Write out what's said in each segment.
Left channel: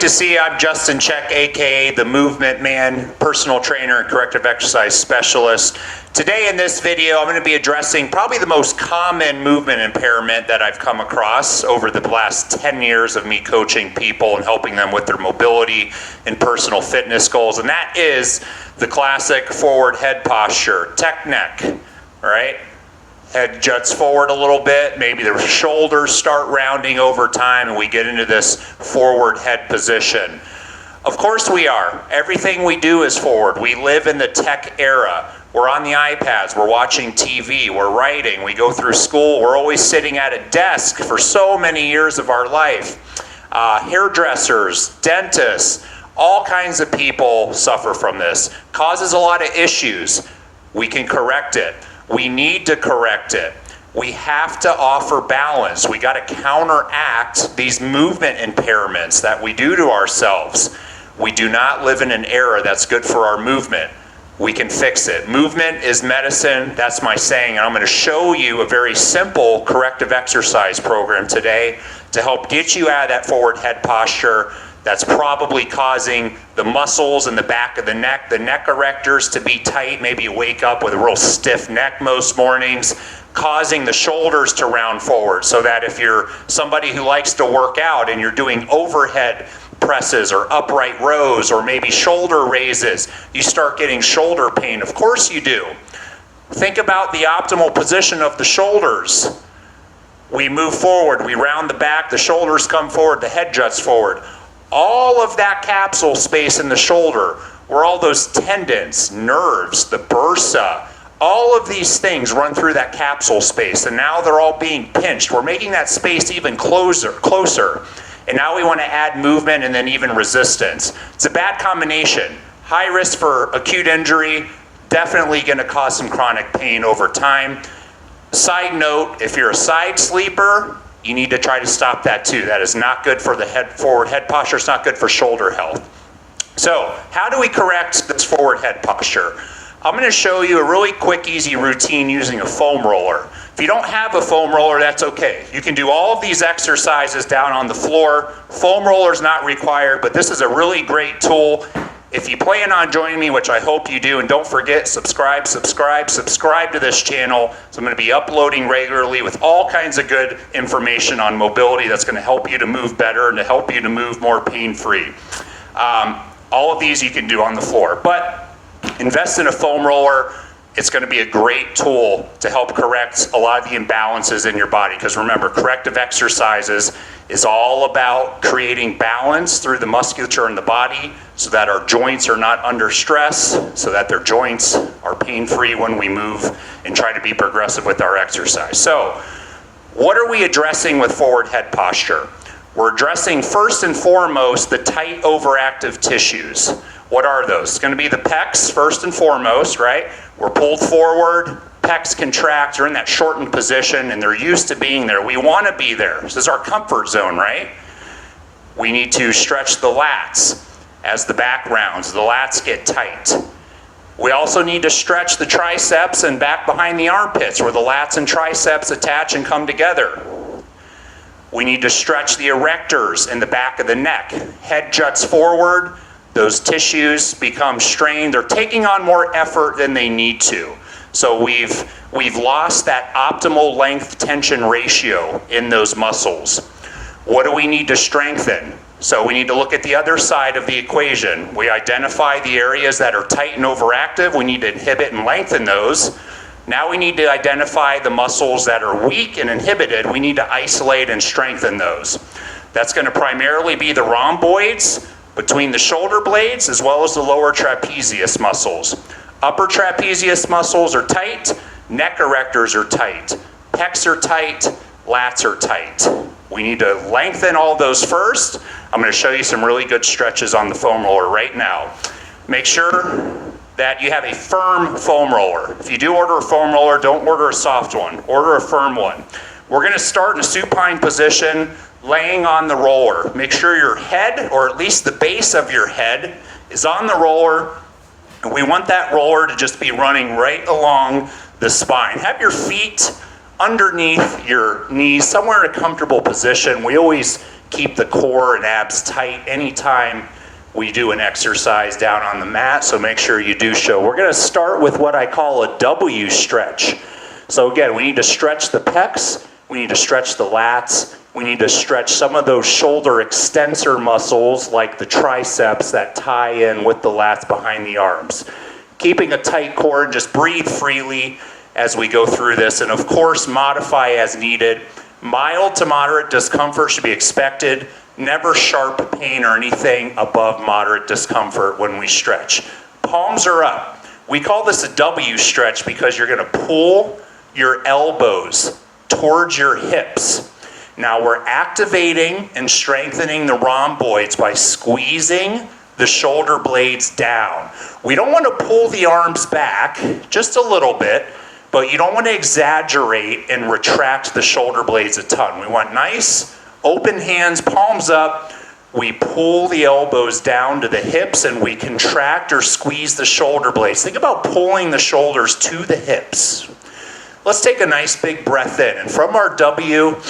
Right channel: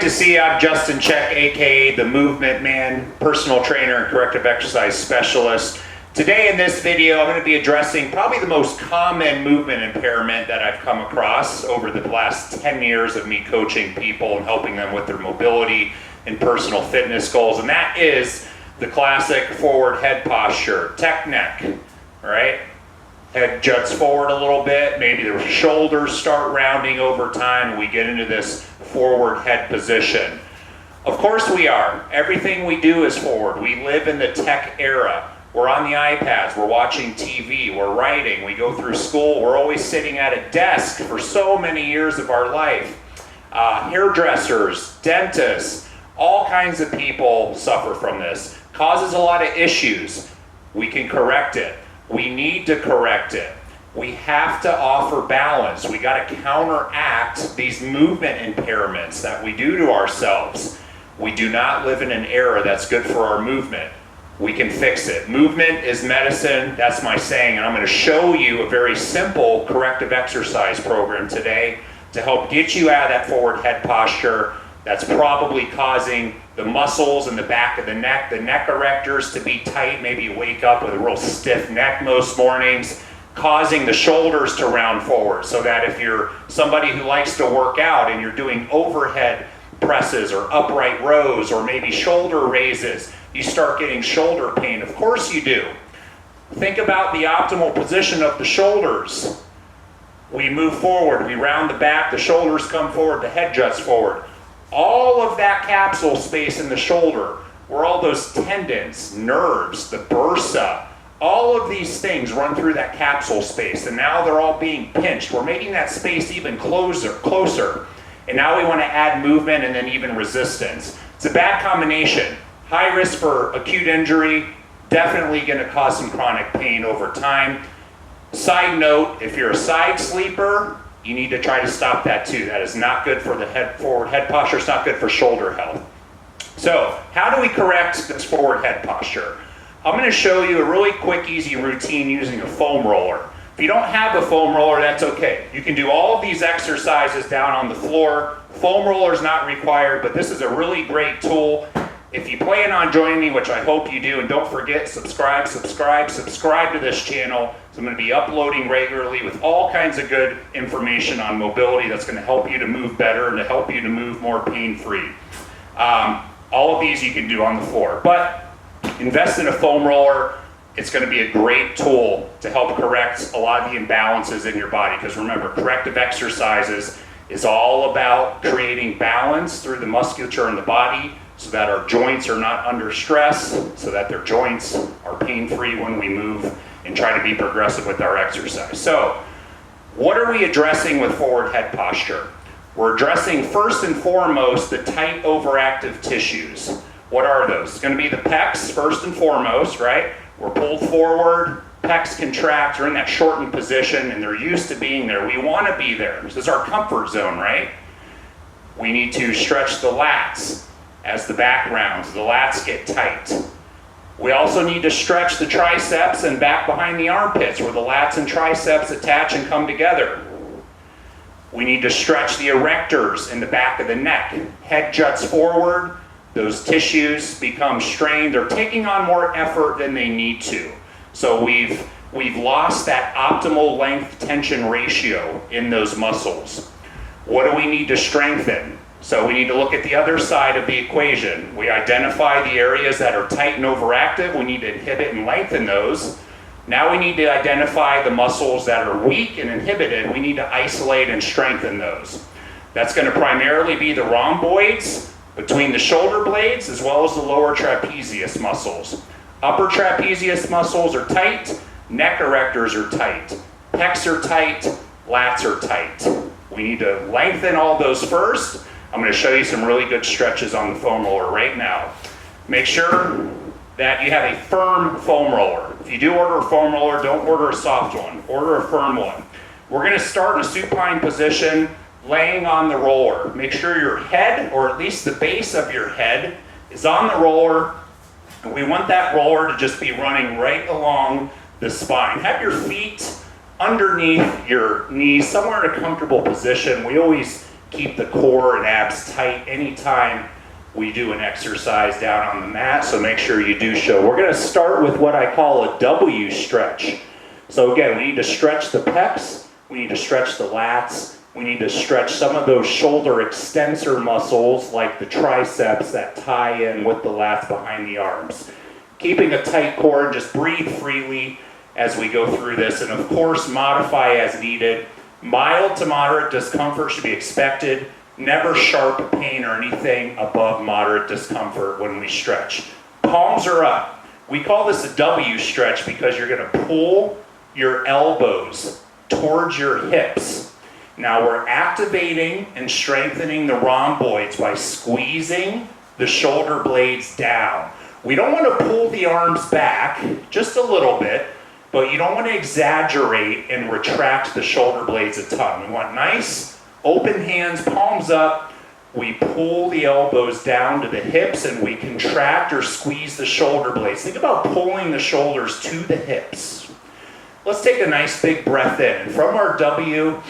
great to see you. I'm Justin Check, aka the Movement Man, personal trainer and corrective exercise specialist. Today in this video, I'm going to be addressing probably the most common movement impairment that I've come across over the last 10 years of me coaching people and helping them with their mobility and personal fitness goals, and that is the classic forward head posture, tech neck, all right? Head juts forward a little bit, maybe the shoulders start rounding over time, and we get into this forward head position. Of course we are. Everything we do is forward. We live in the tech era. We're on the iPads, we're watching TV, we're writing, we go through school, we're always sitting at a desk for so many years of our life. Hairdressers, dentists, all kinds of people suffer from this. Causes a lot of issues. We can correct it. We need to correct it. We have to offer balance. We got to counteract these movement impairments that we do to ourselves. We do not live in an era that's good for our movement. We can fix it. Movement is medicine. That's my saying. And I'm going to show you a very simple corrective exercise program today to help get you out of that forward head posture that's probably causing the muscles in the back of the neck erectors to be tight. Maybe you wake up with a real stiff neck most mornings, causing the shoulders to round forward, so that if you're somebody who likes to work out and you're doing overhead presses or upright rows or maybe shoulder raises, you start getting shoulder pain. Of course you do. Think about the optimal position of the shoulders. We move forward, we round the back, the shoulders come forward, the head juts forward. All of that capsule space in the shoulder, where all those tendons, nerves, the bursa, all of these things run through that capsule space, and now they're all being pinched. We're making that space even closer. And now we want to add movement and then even resistance. It's a bad combination. High risk for acute injury, definitely going to cause some chronic pain over time. Side note, if you're a side sleeper, you need to try to stop that too. That is not good for the forward head posture. It's not good for shoulder health. So how do we correct this forward head posture? I'm going to show you a really quick, easy routine using a foam roller. If you don't have a foam roller, that's okay. You can do all of these exercises down on the floor. Foam roller is not required, but this is a really great tool. If you plan on joining me, which I hope you do, and don't forget, subscribe to this channel. So I'm going to be uploading regularly with all kinds of good information on mobility that's going to help you to move better and to help you to move more pain-free. All of these you can do on the floor, but invest in a foam roller. It's going to be a great tool to help correct a lot of the imbalances in your body, because remember, corrective exercises is all about creating balance through the musculature in the body so that our joints are not under stress, so that their joints are pain-free when we move and try to be progressive with our exercise. So, what are we addressing with forward head posture? We're addressing first and foremost the tight overactive tissues. What are those? It's going to be the pecs first and foremost, right? We're pulled forward, pecs contract, they're in that shortened position, and they're used to being there. We want to be there. This is our comfort zone, right? We need to stretch the lats as the back rounds. The lats get tight. We also need to stretch the triceps and back behind the armpits, where the lats and triceps attach and come together. We need to stretch the erectors in the back of the neck. Head juts forward, those tissues become strained. They're taking on more effort than they need to. So we've lost that optimal length tension ratio in those muscles. What do we need to strengthen? So we need to look at the other side of the equation. We identify the areas that are tight and overactive. We need to inhibit and lengthen those. Now we need to identify the muscles that are weak and inhibited. We need to isolate and strengthen those. That's going to primarily be the rhomboids between the shoulder blades as well as the lower trapezius muscles. Upper trapezius muscles are tight, neck erectors are tight, pecs are tight, lats are tight. We need to lengthen all those first. I'm going to show you some really good stretches on the foam roller right now. Make sure that you have a firm foam roller. If you do order a foam roller, don't order a soft one. Order a firm one. We're going to start in a supine position, laying on the roller. Make sure your head, or at least the base of your head, is on the roller. And we want that roller to just be running right along the spine. Have your feet underneath your knees, somewhere in a comfortable position. We always keep the core and abs tight anytime we do an exercise down on the mat, so make sure you do so. We're gonna start with what I call a W stretch. So again, we need to stretch the pecs, we need to stretch the lats, we need to stretch some of those shoulder extensor muscles like the triceps that tie in with the lats behind the arms. Keeping a tight core, and just breathe freely as we go through this, and of course modify as needed. Mild to moderate discomfort should be expected. Never sharp pain or anything above moderate discomfort when we stretch. Palms are up. We call this a W stretch because you're gonna pull your elbows towards your hips. Now we're activating and strengthening the rhomboids by squeezing the shoulder blades down. We don't want to pull the arms back, just a little bit, but you don't want to exaggerate and retract the shoulder blades a ton. We want nice, open hands, palms up. We pull the elbows down to the hips and we contract or squeeze the shoulder blades. Think about pulling the shoulders to the hips. Let's take a nice big breath in. And from our W,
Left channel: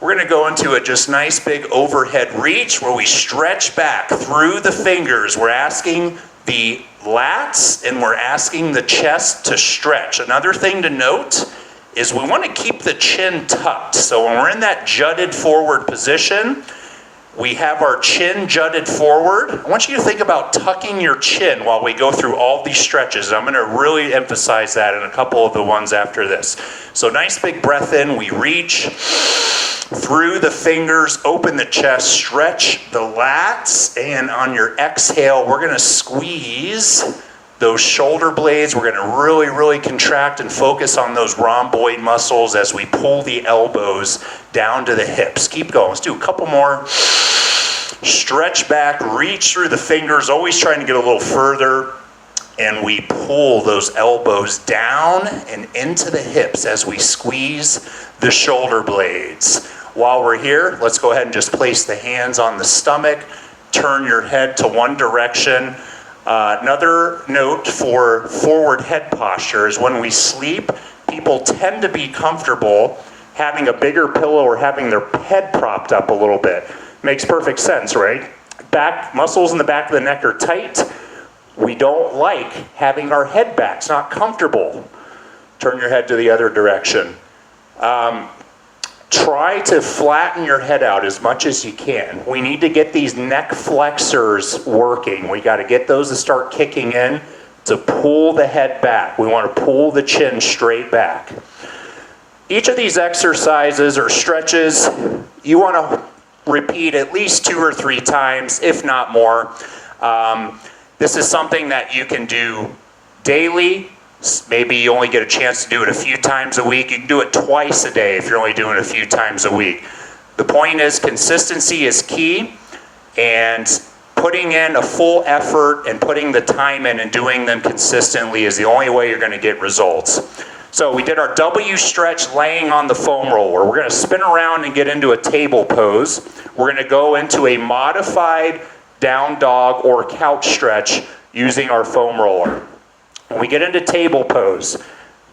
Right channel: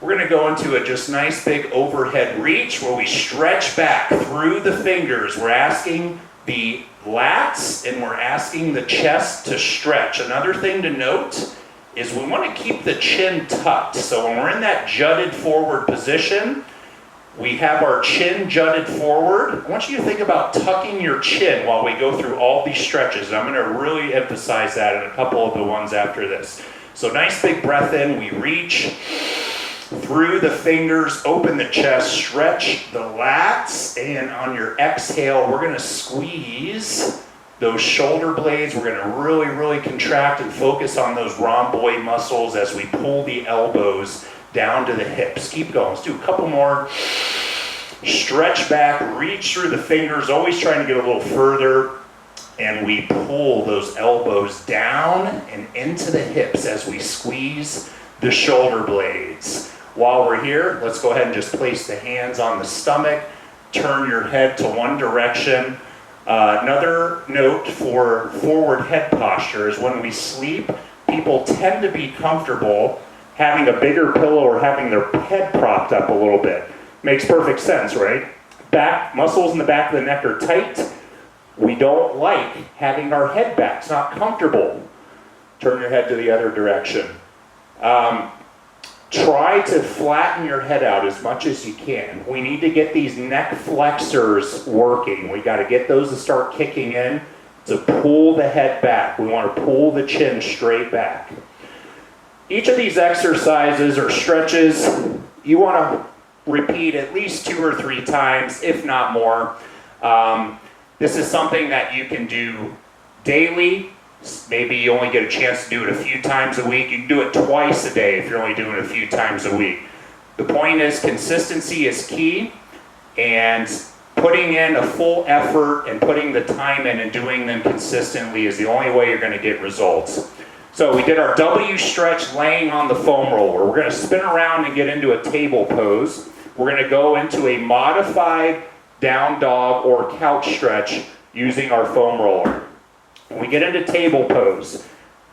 we're gonna go into a just nice big overhead reach where we stretch back through the fingers. We're asking the lats and we're asking the chest to stretch. Another thing to note is we want to keep the chin tucked. So when we're in that jutted forward position, we have our chin jutted forward. I want you to think about tucking your chin while we go through all these stretches. I'm going to really emphasize that in a couple of the ones after this. So nice big breath in, we reach through the fingers, open the chest, stretch the lats, and on your exhale, we're gonna squeeze those shoulder blades. We're gonna really, really contract and focus on those rhomboid muscles as we pull the elbows down to the hips. Keep going, let's do a couple more. Stretch back, reach through the fingers, always trying to get a little further, and we pull those elbows down and into the hips as we squeeze the shoulder blades. While we're here, let's go ahead and just place the hands on the stomach, turn your head to one direction. Another note for forward head posture is when we sleep, people tend to be comfortable having a bigger pillow or having their head propped up a little bit. Makes perfect sense, right? Back muscles in the back of the neck are tight. We don't like having our head back. It's not comfortable. Turn your head to the other direction. Try to flatten your head out as much as you can. We need to get these neck flexors working. We got to get those to start kicking in to pull the head back. We want to pull the chin straight back. Each of these exercises or stretches, you want to repeat at least 2 or 3 times, if not more. This is something that you can do daily. Maybe you only get a chance to do it a few times a week. You can do it twice a day if you're only doing it a few times a week. The point is consistency is key, and putting in a full effort and putting the time in and doing them consistently is the only way you're going to get results. So we did our W stretch laying on the foam roller. We're going to spin around and get into a table pose. We're going to go into a modified down dog or couch stretch using our foam roller. When we get into table pose,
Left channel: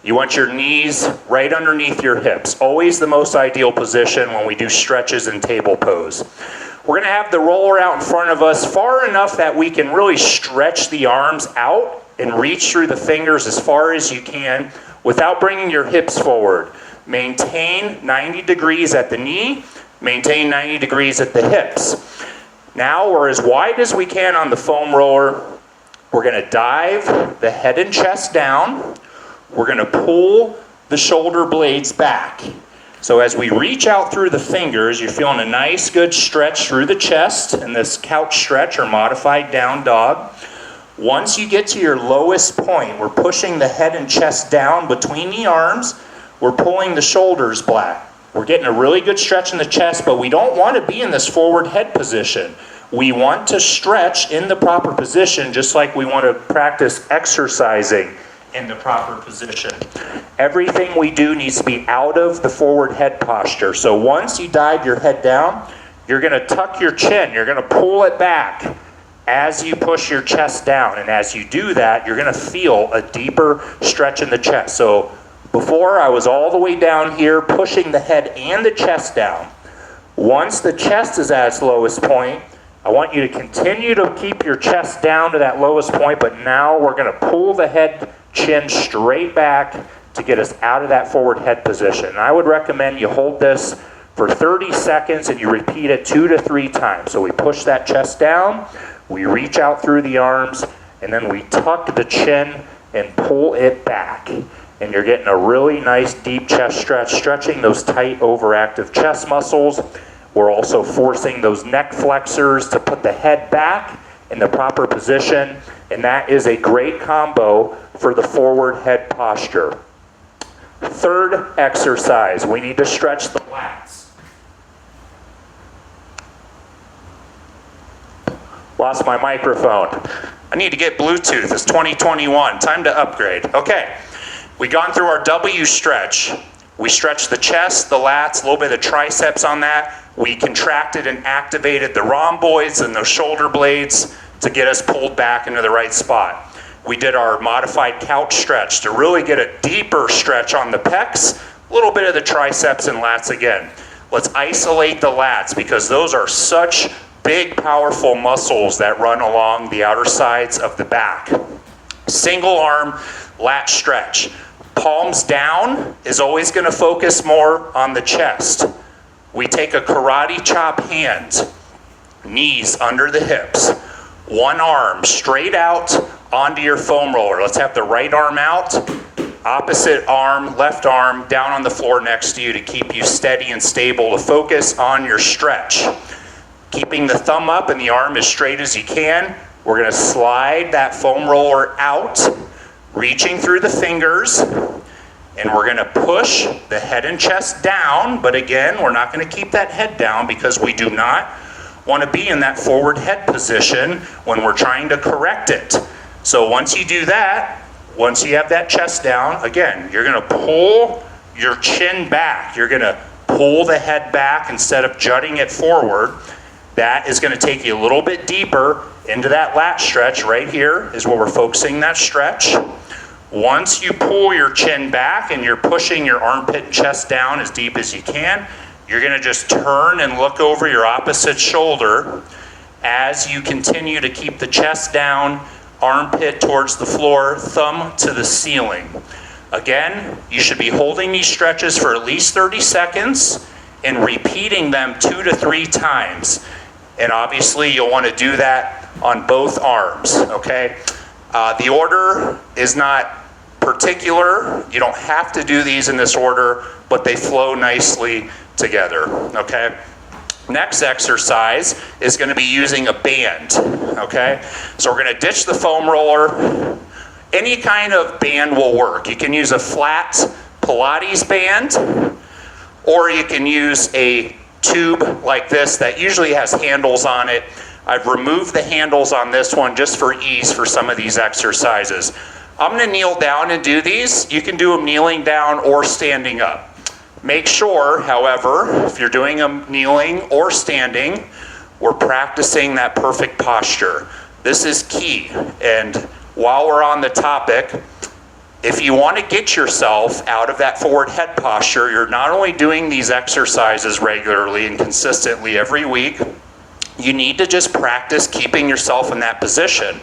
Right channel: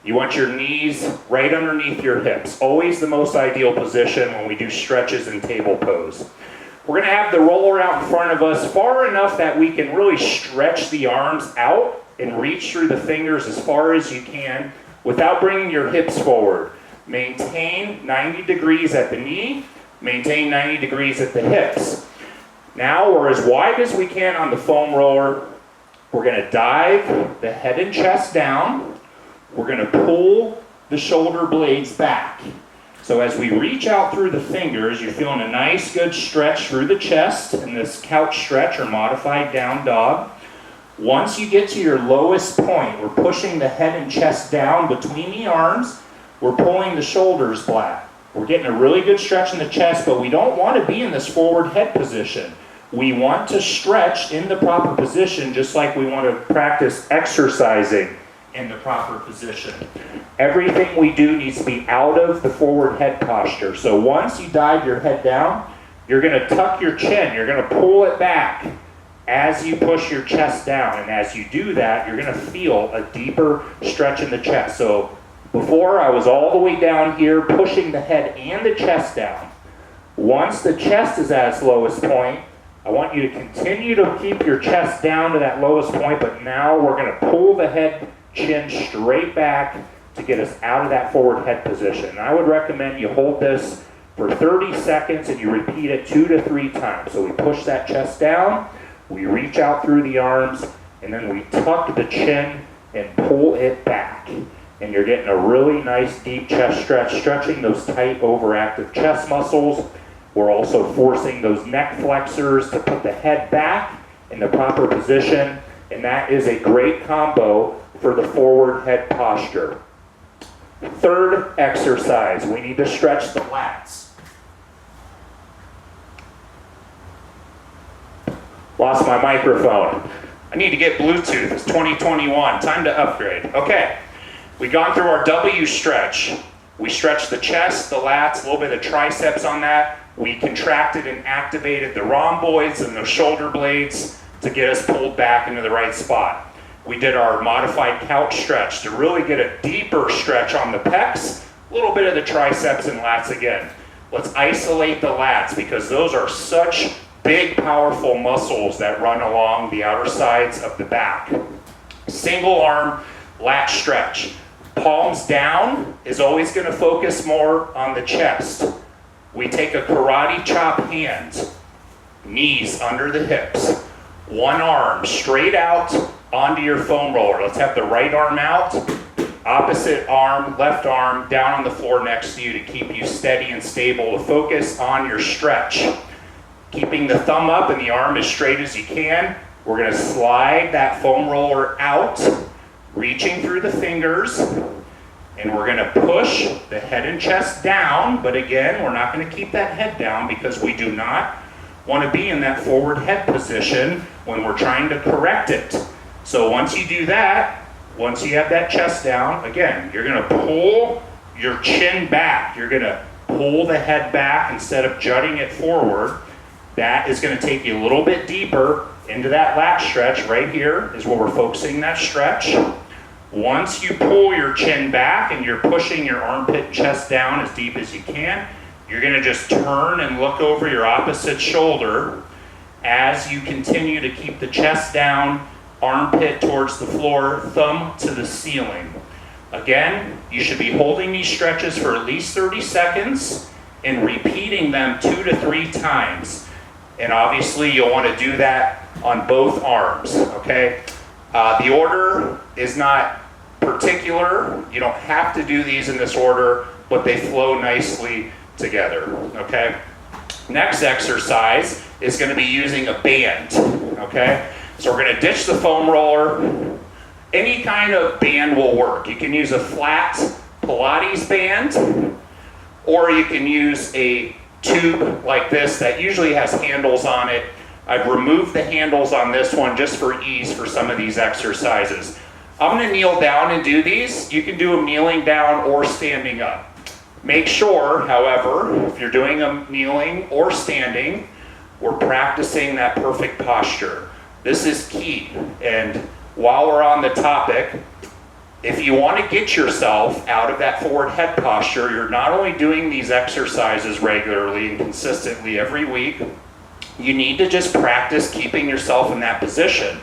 you want your knees right underneath your hips. Always the most ideal position when we do stretches in table pose. We're going to have the roller out in front of us far enough that we can really stretch the arms out and reach through the fingers as far as you can without bringing your hips forward. Maintain 90 degrees at the knee, maintain 90 degrees at the hips. Now we're as wide as we can on the foam roller. We're going to dive the head and chest down. We're going to pull the shoulder blades back. So as we reach out through the fingers, you're feeling a nice good stretch through the chest in this couch stretch or modified down dog. Once you get to your lowest point, we're pushing the head and chest down between the arms. We're pulling the shoulders back. We're getting a really good stretch in the chest, but we don't want to be in this forward head position. We want to stretch in the proper position, just like we want to practice exercising in the proper position. Everything we do needs to be out of the forward head posture. So once you dive your head down, you're going to tuck your chin. You're going to pull it back as you push your chest down. And as you do that, you're going to feel a deeper stretch in the chest. So before, I was all the way down here pushing the head and the chest down. Once the chest is at its lowest point, I want you to continue to keep your chest down to that lowest point, but now we're going to pull the head chin straight back to get us out of that forward head position. And I would recommend you hold this for 30 seconds and you repeat it 2 to 3 times. So we push that chest down, we reach out through the arms, and then we tuck the chin and pull it back. And you're getting a really nice deep chest stretch, stretching those tight overactive chest muscles. We're also forcing those neck flexors to put the head back in the proper position, and that is a great combo for the forward head posture. Third exercise, we need to stretch the lats. Lost my microphone. I need to get Bluetooth. It's 2021. Time to upgrade. Okay, we've gone through our W stretch. We stretched the chest, the lats, a little bit of the triceps on that. We contracted and activated the rhomboids and the shoulder blades to get us pulled back into the right spot. We did our modified couch stretch to really get a deeper stretch on the pecs, a little bit of the triceps and lats again. Let's isolate the lats because those are such big, powerful muscles that run along the outer sides of the back. Single arm lat stretch. Palms down is always going to focus more on the chest. We take a karate chop hand, knees under the hips, one arm straight out onto your foam roller. Let's have the right arm out, opposite arm, left arm down on the floor next to you to keep you steady and stable, to focus on your stretch. Keeping the thumb up and the arm as straight as you can. We're going to slide that foam roller out, reaching through the fingers, and we're going to push the head and chest down. But again, we're not going to keep that head down because we do not want to be in that forward head position when we're trying to correct it. So once you do that, once you have that chest down, again, you're going to pull your chin back. You're going to pull the head back instead of jutting it forward. That is going to take you a little bit deeper into that lat stretch. Right here is where we're focusing that stretch. Once you pull your chin back and you're pushing your armpit and chest down as deep as you can, you're going to just turn and look over your opposite shoulder as you continue to keep the chest down, armpit towards the floor, thumb to the ceiling. Again, you should be holding these stretches for at least 30 seconds and repeating them 2 to 3 times. And obviously you'll want to do that on both arms, okay? The order is not particular. You don't have to do these in this order, but they flow nicely together, okay? Next exercise is going to be using a band, okay? So we're going to ditch the foam roller. Any kind of band will work. You can use a flat Pilates band, or you can use a tube like this that usually has handles on it. I've removed the handles on this one just for ease for some of these exercises. I'm going to kneel down and do these. You can do them kneeling down or standing up. Make sure, however, if you're doing them kneeling or standing, we're practicing that perfect posture. This is key. And while we're on the topic, if you want to get yourself out of that forward head posture, you're not only doing these exercises regularly and consistently every week, you need to just practice keeping yourself in that position.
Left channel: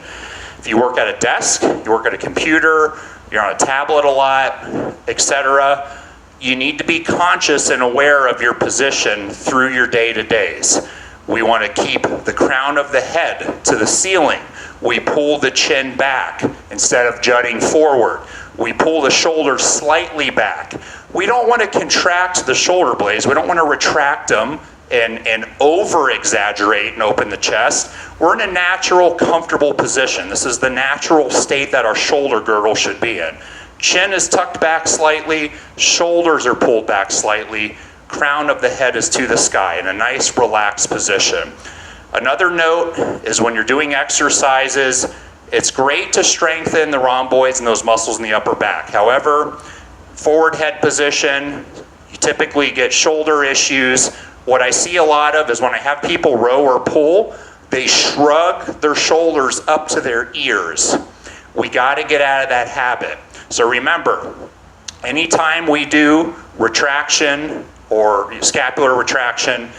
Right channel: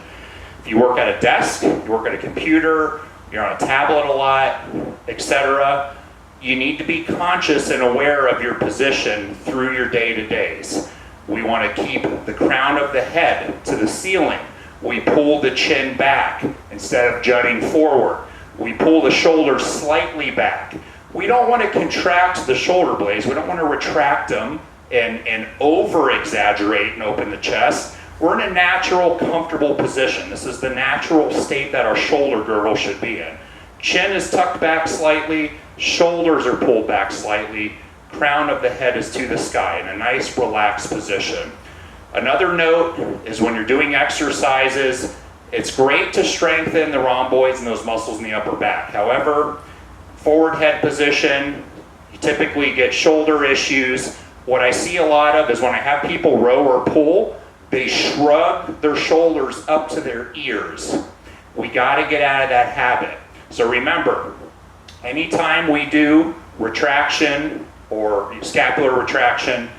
If you work at a desk, you work at a computer, you're on a tablet a lot, etc., you need to be conscious and aware of your position through your day-to-days. We want to keep the crown of the head to the ceiling. We pull the chin back instead of jutting forward. We pull the shoulders slightly back. We don't want to contract the shoulder blades. We don't want to retract them and over-exaggerate and open the chest. We're in a natural, comfortable position. This is the natural state that our shoulder girdle should be in. Chin is tucked back slightly, shoulders are pulled back slightly, crown of the head is to the sky in a nice, relaxed position. Another note is when you're doing exercises, it's great to strengthen the rhomboids and those muscles in the upper back. However, forward head position, you typically get shoulder issues. What I see a lot of is when I have people row or pull, they shrug their shoulders up to their ears. We got to get out of that habit. So remember, anytime we do retraction or scapular retraction,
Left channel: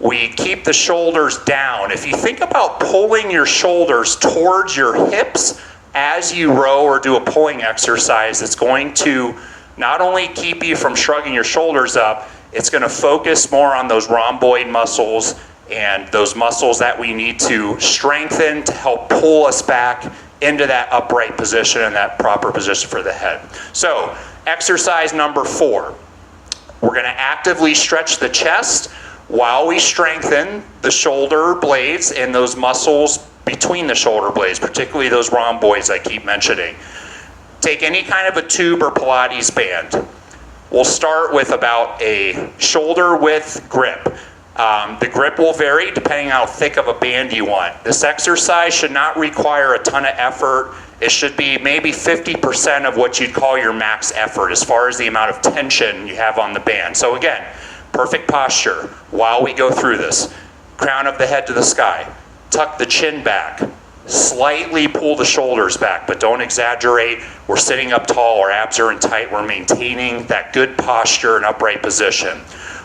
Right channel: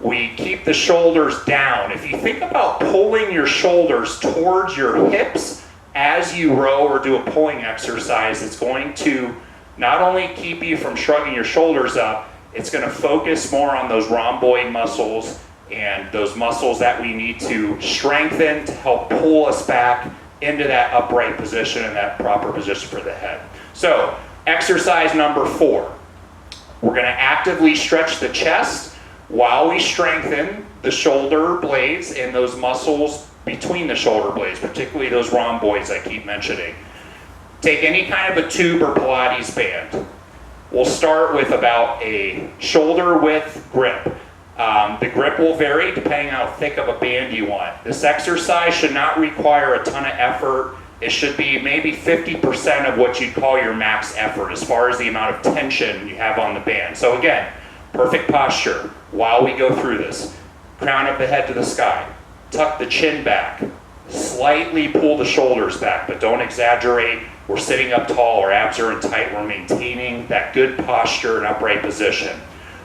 we keep the shoulders down. If you think about pulling your shoulders towards your hips as you row or do a pulling exercise, it's going to not only keep you from shrugging your shoulders up, it's going to focus more on those rhomboid muscles and those muscles that we need to strengthen to help pull us back into that upright position and that proper position for the head. So, exercise number 4. We're going to actively stretch the chest while we strengthen the shoulder blades and those muscles between the shoulder blades, particularly those rhomboids I keep mentioning. Take any kind of a tube or Pilates band. We'll start with about a shoulder width grip. The grip will vary depending on how thick of a band you want. This exercise should not require a ton of effort. It should be maybe 50% of what you'd call your max effort as far as the amount of tension you have on the band. So again, perfect posture while we go through this. Crown of the head to the sky. Tuck the chin back. Slightly pull the shoulders back, but don't exaggerate. We're sitting up tall, our abs are in tight. We're maintaining that good posture and upright position.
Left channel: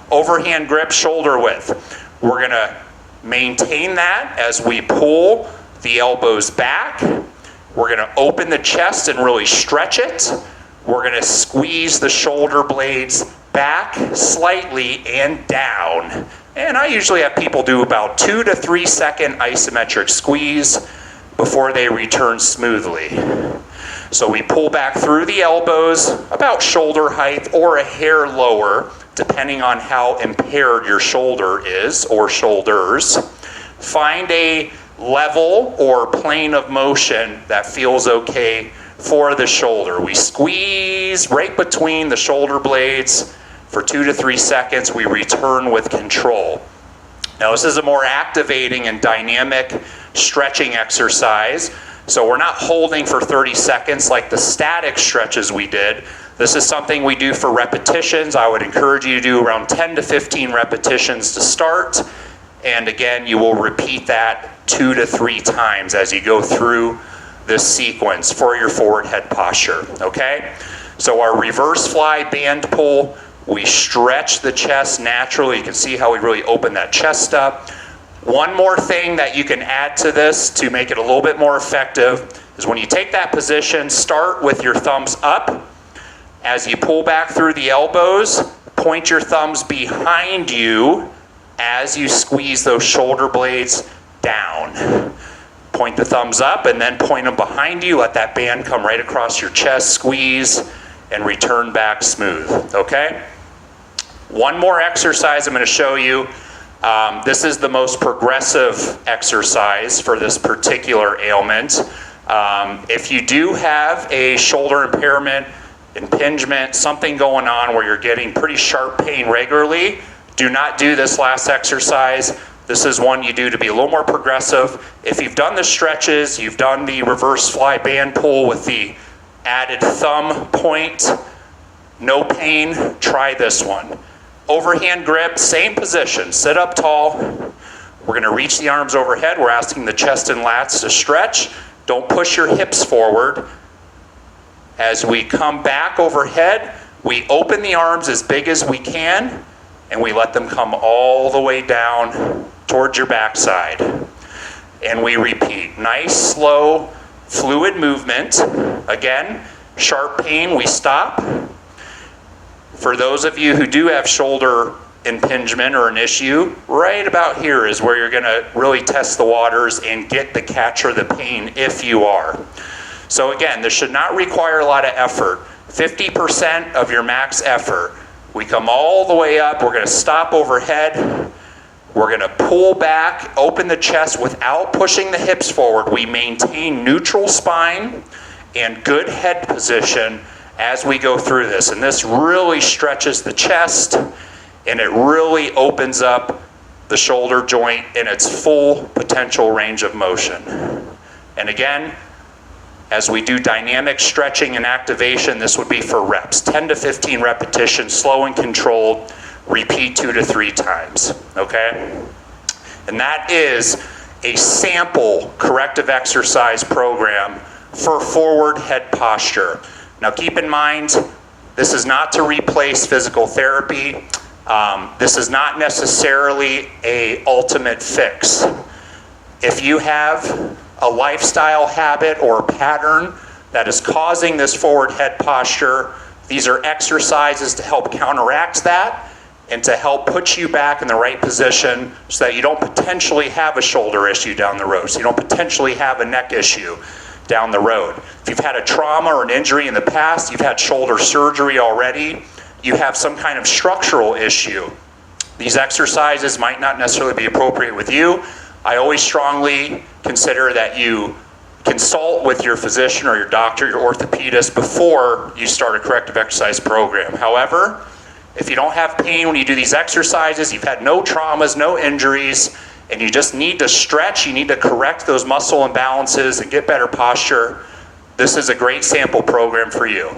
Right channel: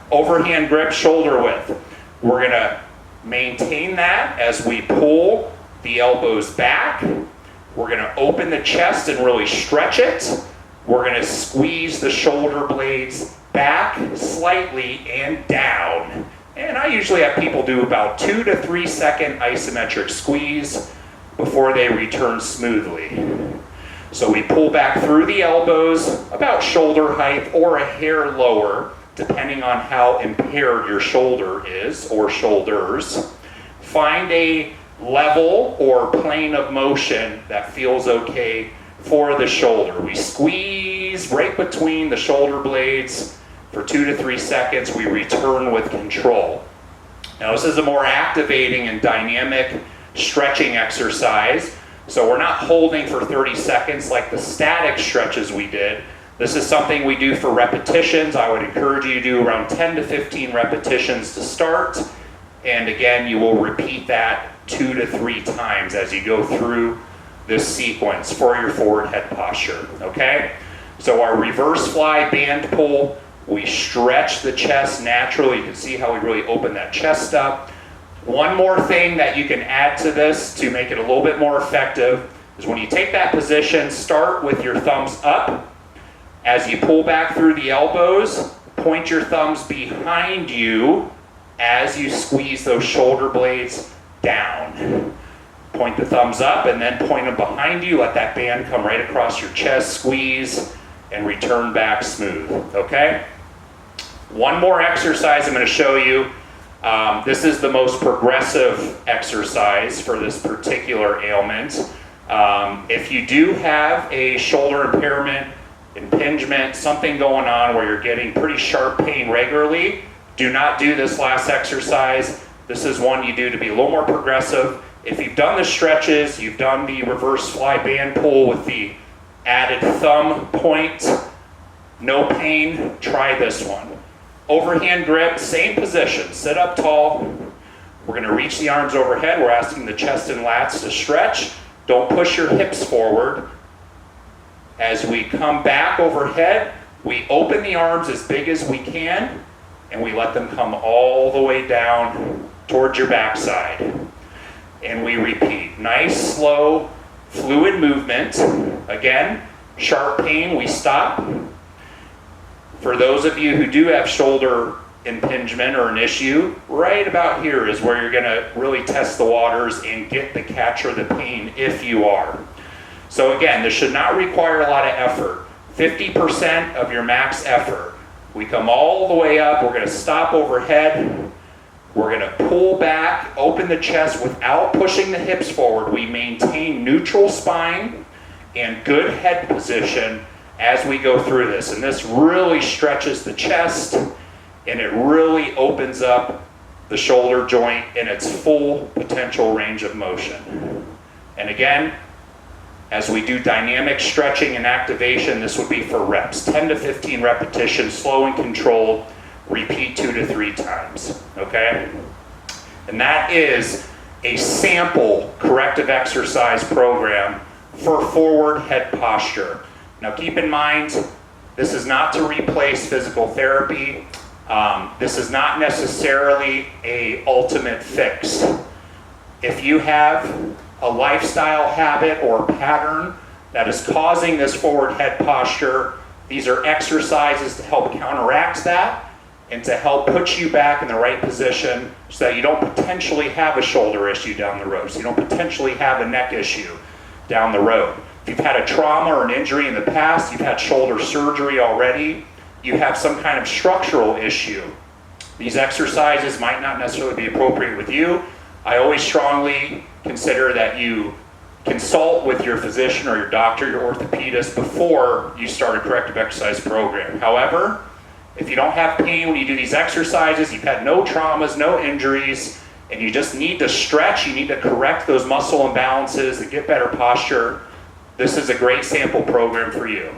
Overhand grip, shoulder width. We're going to maintain that as we pull the elbows back. We're going to open the chest and really stretch it. We're going to squeeze the shoulder blades back slightly and down. And I usually have people do about 2 to 3 second isometric squeeze before they return smoothly. So we pull back through the elbows about shoulder height or a hair lower, depending on how impaired your shoulder is or shoulders. Find a level or plane of motion that feels okay for the shoulder. We squeeze right between the shoulder blades for 2 to 3 seconds. We return with control. Now this is a more activating and dynamic stretching exercise. So we're not holding for 30 seconds like the static stretches we did. This is something we do for repetitions. I would encourage you to do around 10 to 15 repetitions to start. And again, you will repeat that 2 to 3 times as you go through this sequence for your forward head posture, okay? So our reverse fly band pull, we stretch the chest naturally. You can see how we really open that chest up. One more thing that you can add to this to make it a little bit more effective is when you take that position, start with your thumbs up. As you pull back through the elbows, point your thumbs behind you as you squeeze those shoulder blades down. Point the thumbs up and then point them behind you. Let that band come right across your chest, squeeze, and return back smooth, okay? One more exercise I'm going to show you. This is the most progressive exercise for this particular ailment. If you do have a shoulder impairment, impingement, something going on where you're getting pretty sharp pain regularly, do not do this last exercise. This is one you do to be a little more progressive. If you've done the stretches, you've done the reverse fly band pull with the added thumb point, no pain, try this one. Overhand grip, same position, sit up tall. We're going to reach the arms overhead. We're asking the chest and lats to stretch. Don't push your hips forward. As we come back overhead, we open the arms as big as we can, and we let them come all the way down towards your backside. And we repeat. Nice, slow, fluid movement. Again, sharp pain, we stop. For those of you who do have shoulder impingement or an issue, right about here is where you're going to really test the waters and get the catch or the pain if you are. So again, this should not require a lot of effort. 50% of your max effort. We come all the way up, we're going to stop overhead, we're going to pull back, open the chest without pushing the hips forward. We maintain neutral spine and good head position as we go through this. And this really stretches the chest and it really opens up the shoulder joint in its full potential range of motion. And again, as we do dynamic stretching and activation, this would be for reps. 10 to 15 repetitions, slow and controlled, repeat 2 to 3 times, okay? And that is a sample corrective exercise program for forward head posture. Now keep in mind, this is not to replace physical therapy. This is not necessarily a ultimate fix. If you have a lifestyle habit or pattern that is causing this forward head posture, these are exercises to help counteract that and to help put you back in the right position so that you don't potentially have a shoulder issue down the road, so you don't potentially have a neck issue down the road. If you've had a trauma or an injury in the past, you've had shoulder surgery already, you have some kind of structural issue, these exercises might not necessarily be appropriate with you. I always strongly consider that you consult with your physician or your doctor, your orthopedist, before you start a corrective exercise program. However, if you don't have pain when you do these exercises, you've had no traumas, no injuries, and you just need to stretch, you need to correct those muscle imbalances and get better posture, this is a great sample program for you.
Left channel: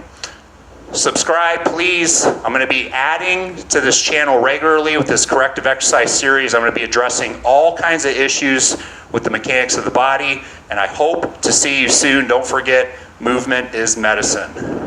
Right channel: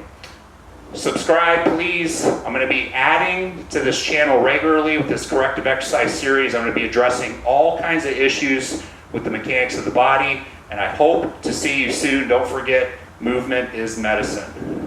Subscribe, please. I'm going to be adding to this channel regularly with this corrective exercise series. I'm going to be addressing all kinds of issues with the mechanics of the body, and I hope to see you soon. Don't forget, movement is medicine.